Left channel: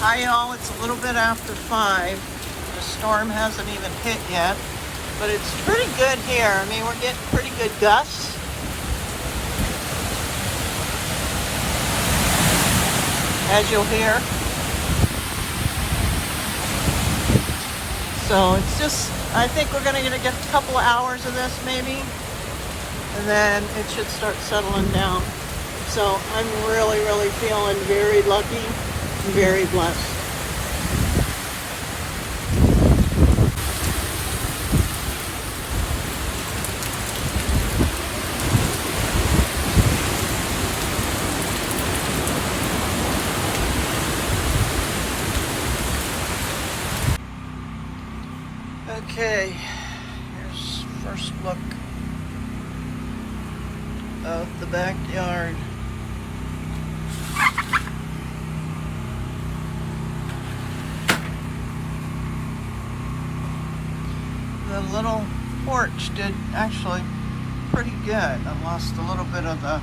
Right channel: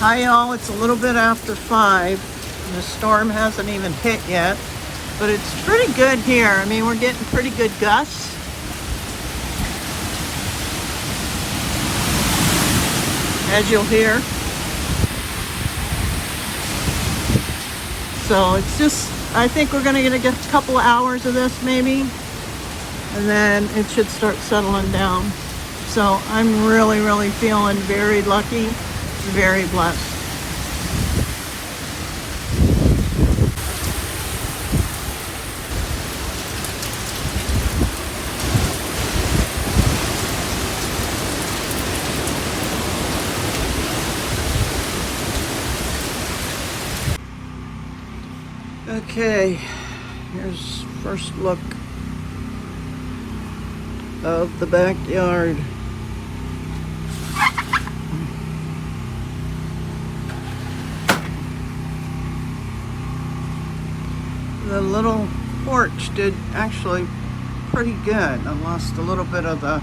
Hi y'all, it's a little bit after 5. The storm hasn't even hit yet, but it's pretty good here. I mean, we're getting pretty good gusts. As you'll hear. So it's just, I think we're gonna get a couple of hours of this maybe, and then it should start settling down. So I'm really, really feeling very lucky. Very blessed. Okay, here's first look of the backyard. The little porch did actually pretty good. I lost a little bit of the,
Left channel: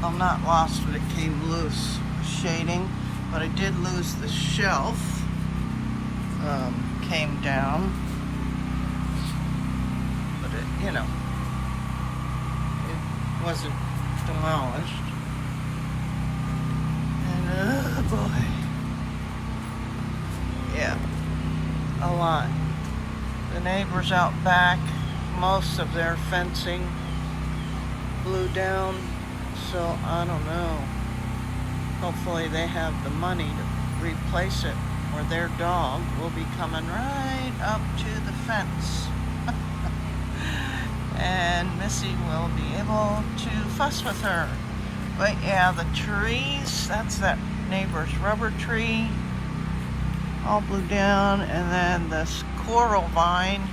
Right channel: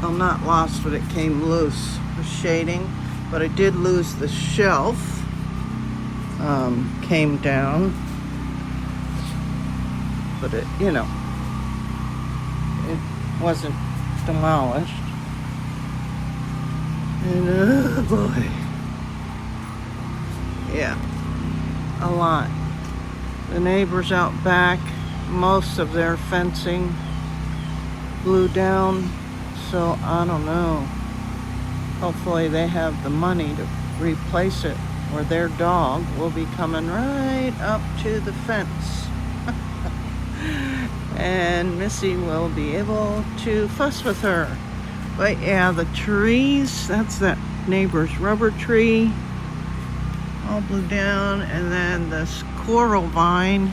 well, not lost, but it came loose, the shading. But I did lose the shelf, came down. But it, you know, it wasn't demolished. And oh boy, yeah, a lot. The neighbors out back, most of their fencing blew down, so I don't know. Hopefully they have the money to replace it, or their dog will be coming right up to the fence. And Missy will be able to fuss with her. But yeah, the trees, that's that neighbor's rubber tree, all blew down. And then this coral vine,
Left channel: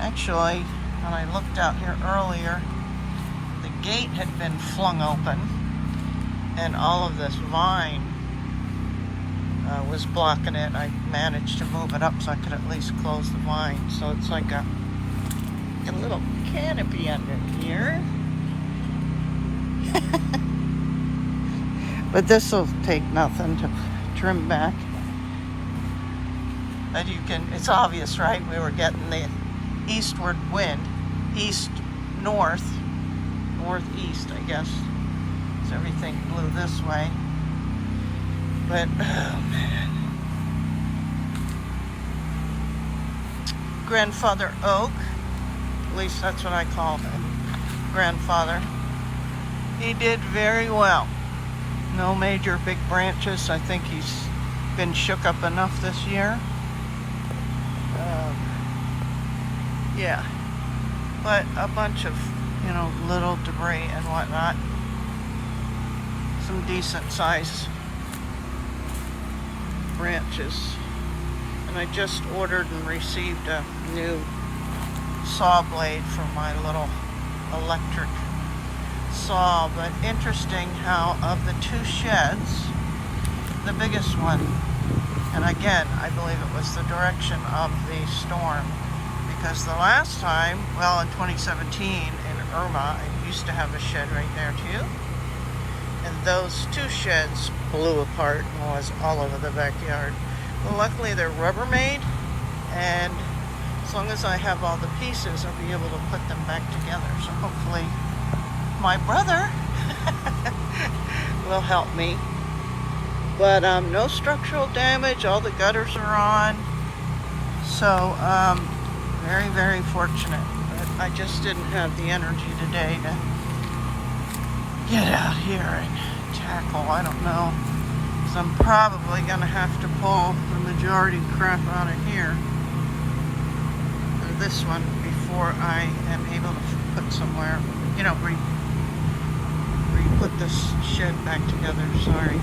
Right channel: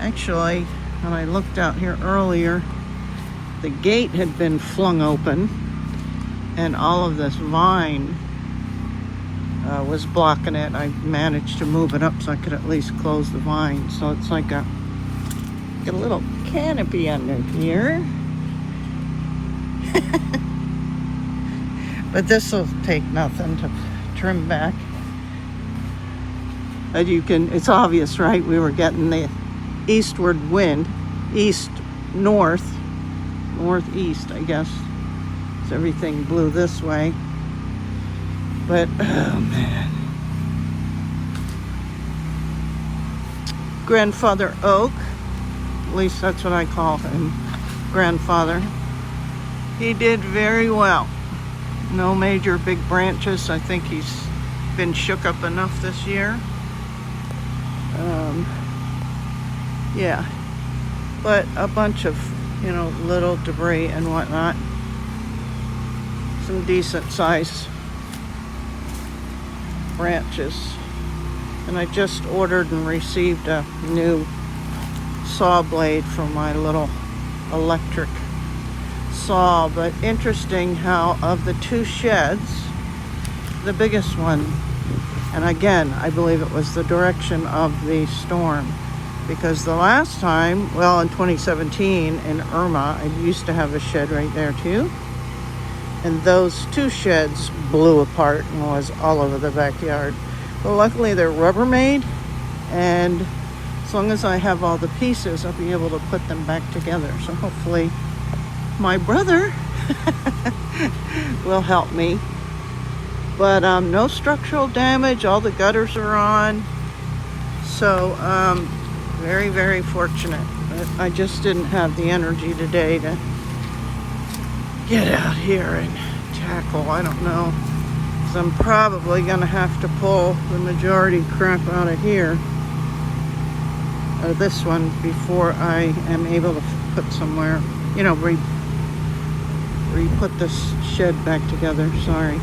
actually, when I looked out here earlier, the gate had been flung open and all of this vine was blocking it. I managed to move it up so I could at least close the vine. So it's like a little canopy under here. But this will take nothing to trim back. But you can, it's obvious, right? We were getting the eastward wind, northeast, I guess. So everything blew this way. But, oh man. Grandfather Oak, at least that's what I call him, grandfather. He did very well. No major big branches. I think he's been shook up enough this year. Yeah, but a bunch of, you know, little debris and whatnot. Some decent sized branches. And I just ordered and received a new saw blade for my little electric saw. But interesting how of the two sheds, the biggest one, and again, I believe it was the direction of the storm. Because the last time, well, in 2017 in Irma, I used to have a shed right there too. And those two sheds blew apart and was all over the backyard. Well, luckily they're Rubbermaid, and as long as I have all the pieces, I'll be able to put them back together. So hopefully my brother will help me. But no structural damage, all the gutters are on. So very, very fortunate. I just didn't have the energy today to get out here and tackle, I don't know. So I'm probably gonna have to pull the majority crap out of here, out of this one, before I am able to put somewhere, you know, re-put this shed back together, sorry.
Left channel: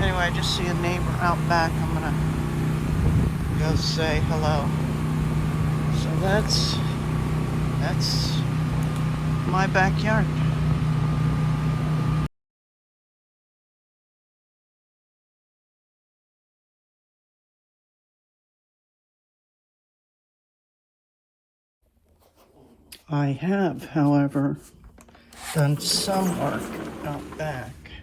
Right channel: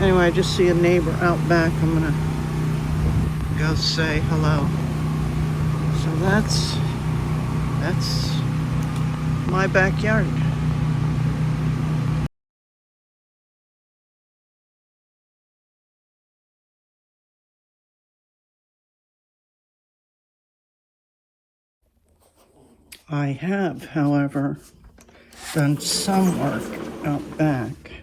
Anyway, I just see a neighbor out back. I'm gonna go say hello. So that's my backyard. I have, however, done some work out back.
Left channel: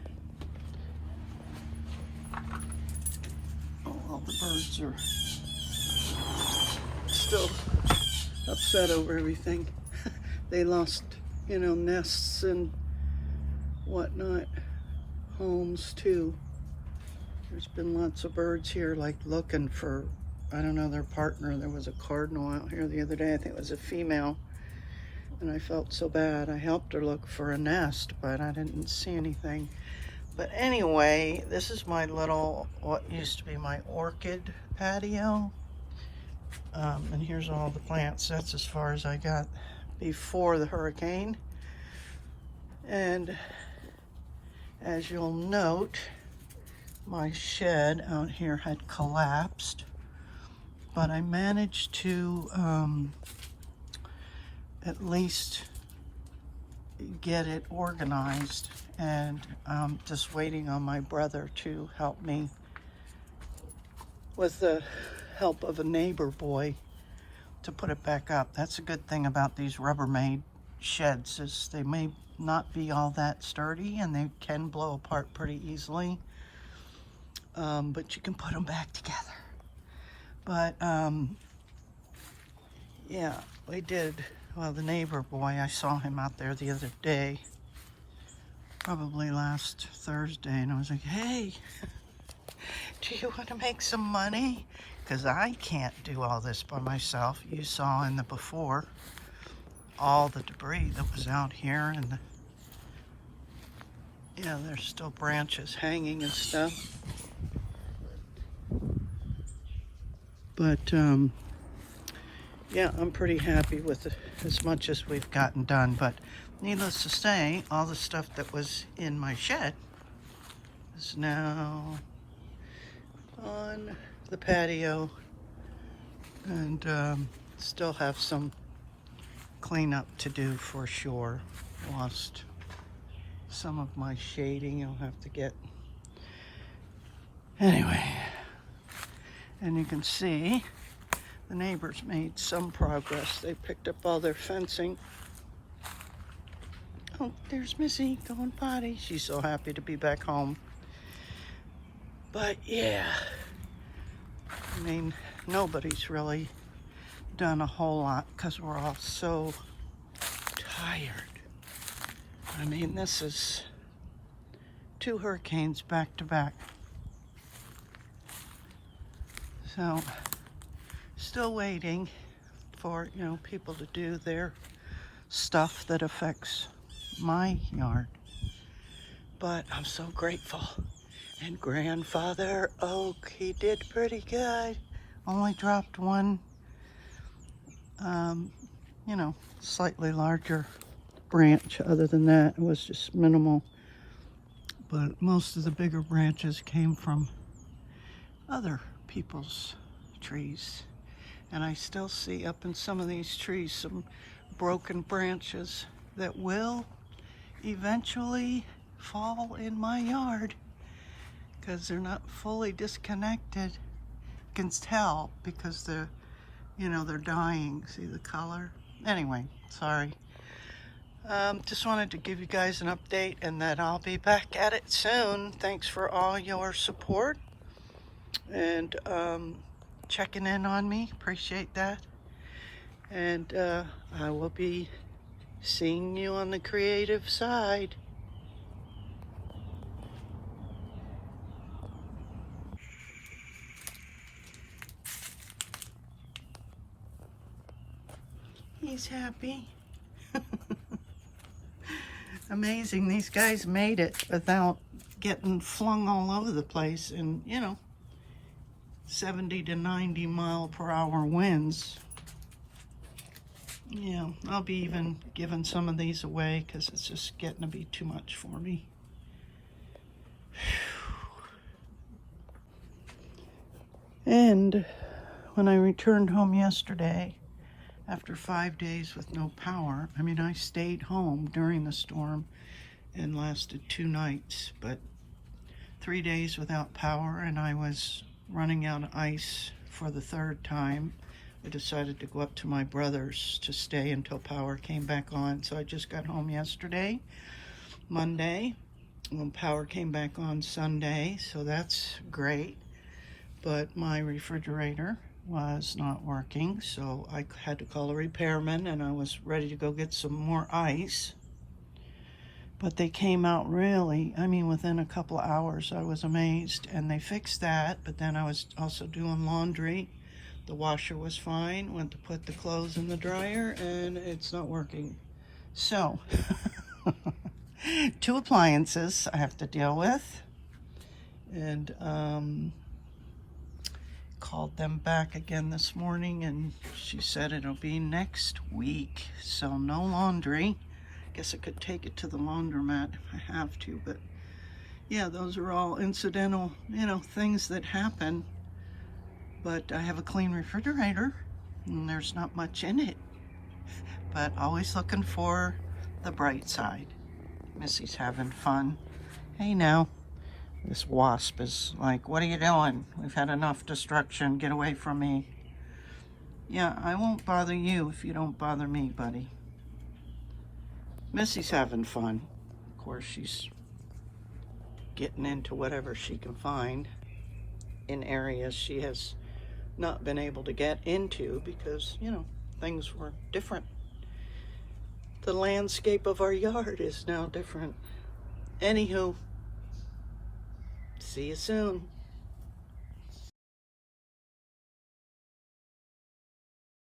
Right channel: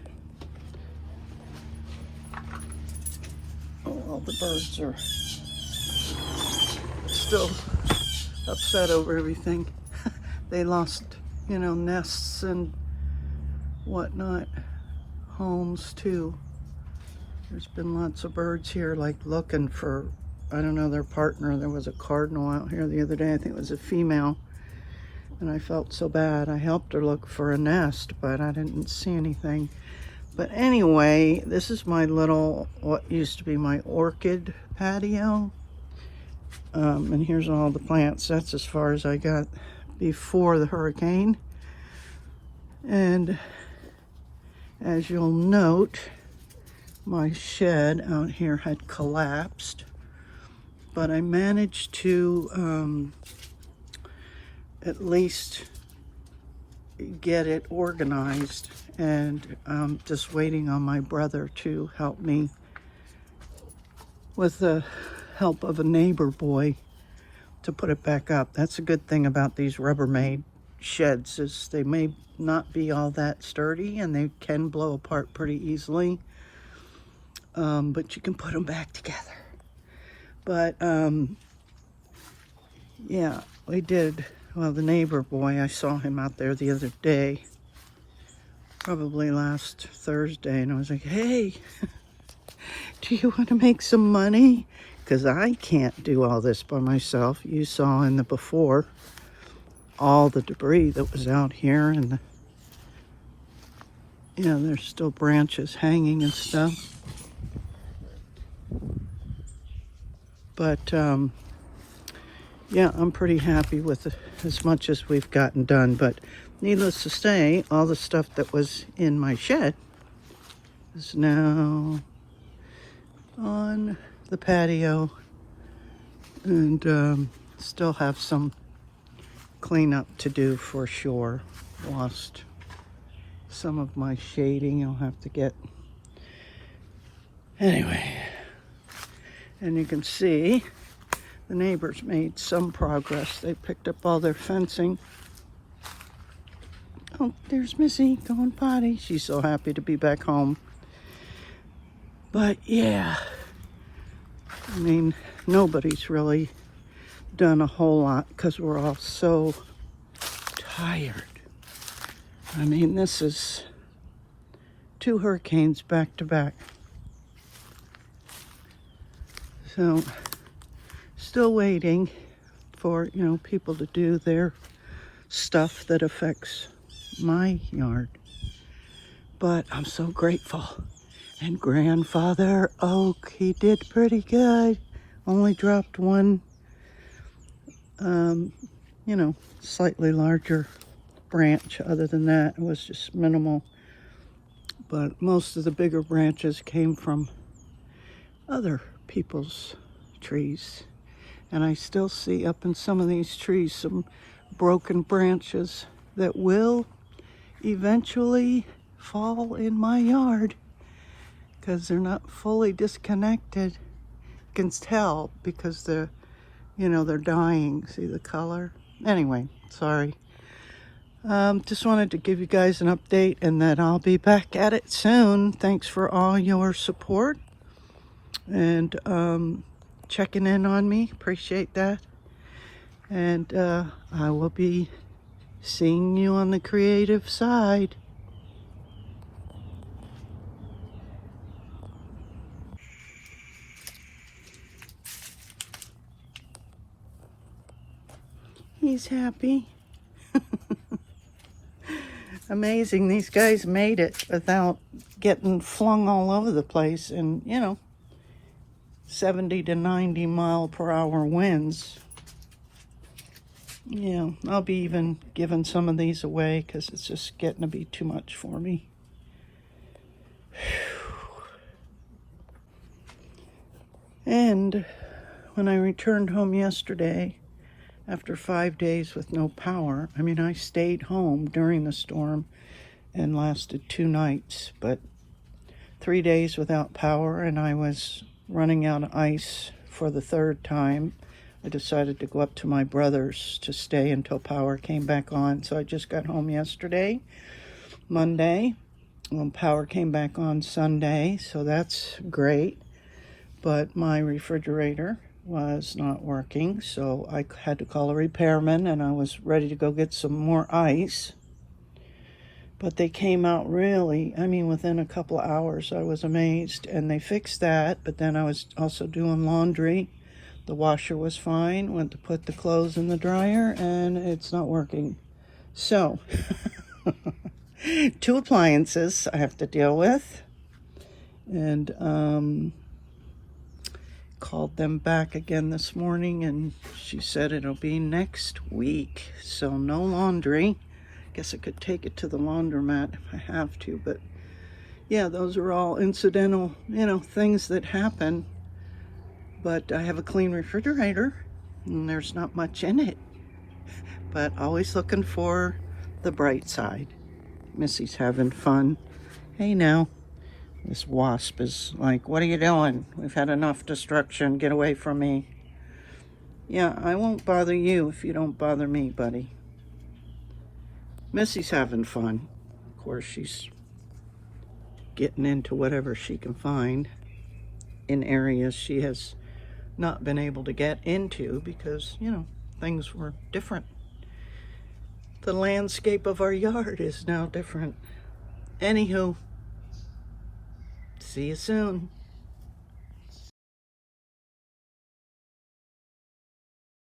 the birds are still upset over everything. They lost, you know, nests and whatnot, homes too. There's been lots of birds here, like looking for, I don't know, their partner. There was a cardinal out here the other day. I think it was a female. And I felt so bad. I helped her look for a nest, but I didn't see anything. But anyway, this is my little, what used to be my orchid patio. And here's all the plants. That's as far as I got before the hurricane. And as you'll note, my shed out here had collapsed, but I managed to at least get it organized, and I'm just waiting on my brother to help me with the help of a neighbor boy to put it back up. That's a good thing about these Rubbermaid sheds, is they may not be all that sturdy and they can blow apart pretty easily, but you can put them back together. But yeah, we did. Well, the neighbor boy, I saw him out there the other day, probably last Thursday, and I was like, hey, do you want to make some money? Because I can't do all this by myself. You saw in the before all the debris that was out here, and you know, there's still branches hanging and stuff. But yeah, I'm pretty happy with as much as we've gotten done. But needless to say, all the stuff that was in my shed is now on the patio, and still have some cleanup to do for sure. Lost some of my shading. I'll have to get, anyway. And you can see the neighbors made some progress. They picked up all their fencing. Oh, there's Missy going potty. She's so happy to be back home. But yeah, I mean, nobody's really done a whole lot because we're all so tired. I mean, this is 2 hurricanes back to back. So, still waiting for, you know, people to do their stuff that affects my yard. But I'm so grateful. And Grandfather Oak, he did pretty good. Only dropped one, you know, slightly larger branch. Other than that, it was just minimal. But most of the bigger branches came from other people's trees. And I still see up in some of these trees some broken branches that will eventually fall in my yard because they're not fully disconnected. You can tell because they're, you know, they're dying. See the color? Anyway, sorry. Just wanted to give you guys an update, and that I'll be back at it soon. Thanks for all your support and checking in on me. Appreciate that. And I will be seeing you on the creative side. He's happy. Amazing, these guys made it without getting flung all over the place, and you know, 70 to 90 mile per hour winds. Yeah, I'll be even giving some of these away because it's just getting to be too much for me. And when I returned home yesterday, after 5 days with no power, I mean, I stayed home during the storm and lasted 2 nights, but 3 days without power, and I was running out of ice for the 3rd time. I decided to go up to my brother's to stay until power came back on. So I just got home yesterday, Monday. Power came back on Sunday, so that's great. but my refrigerator was not working, so I had to call a repairman, and I was ready to go get some more ice. But they came out really, I mean, within a couple of hours. I was amazed, and they fixed that. But then I was also doing laundry. The washer was fine. Went to put the clothes in the dryer, and it's not working. So, 2 appliances I have to deal with. And called them back again this morning, and she said it'll be next week. So no laundry. Guess I could take it to the laundromat if I have to, but yeah, those are all incidental, things that happen. But I have a clean refrigerator, and there's not much in it. But always looking for the bright side. Missy's having fun. Hey now. This wasp is like, what are you doing? We've had enough destruction. Get away from me. Yeah, I won't bother you if you don't bother me, buddy. Missy's having fun. Of course, she's getting into whatever she can find in areas she has not been able to get into because, things were different. The landscape of our yard is now different. Anywho, see you soon.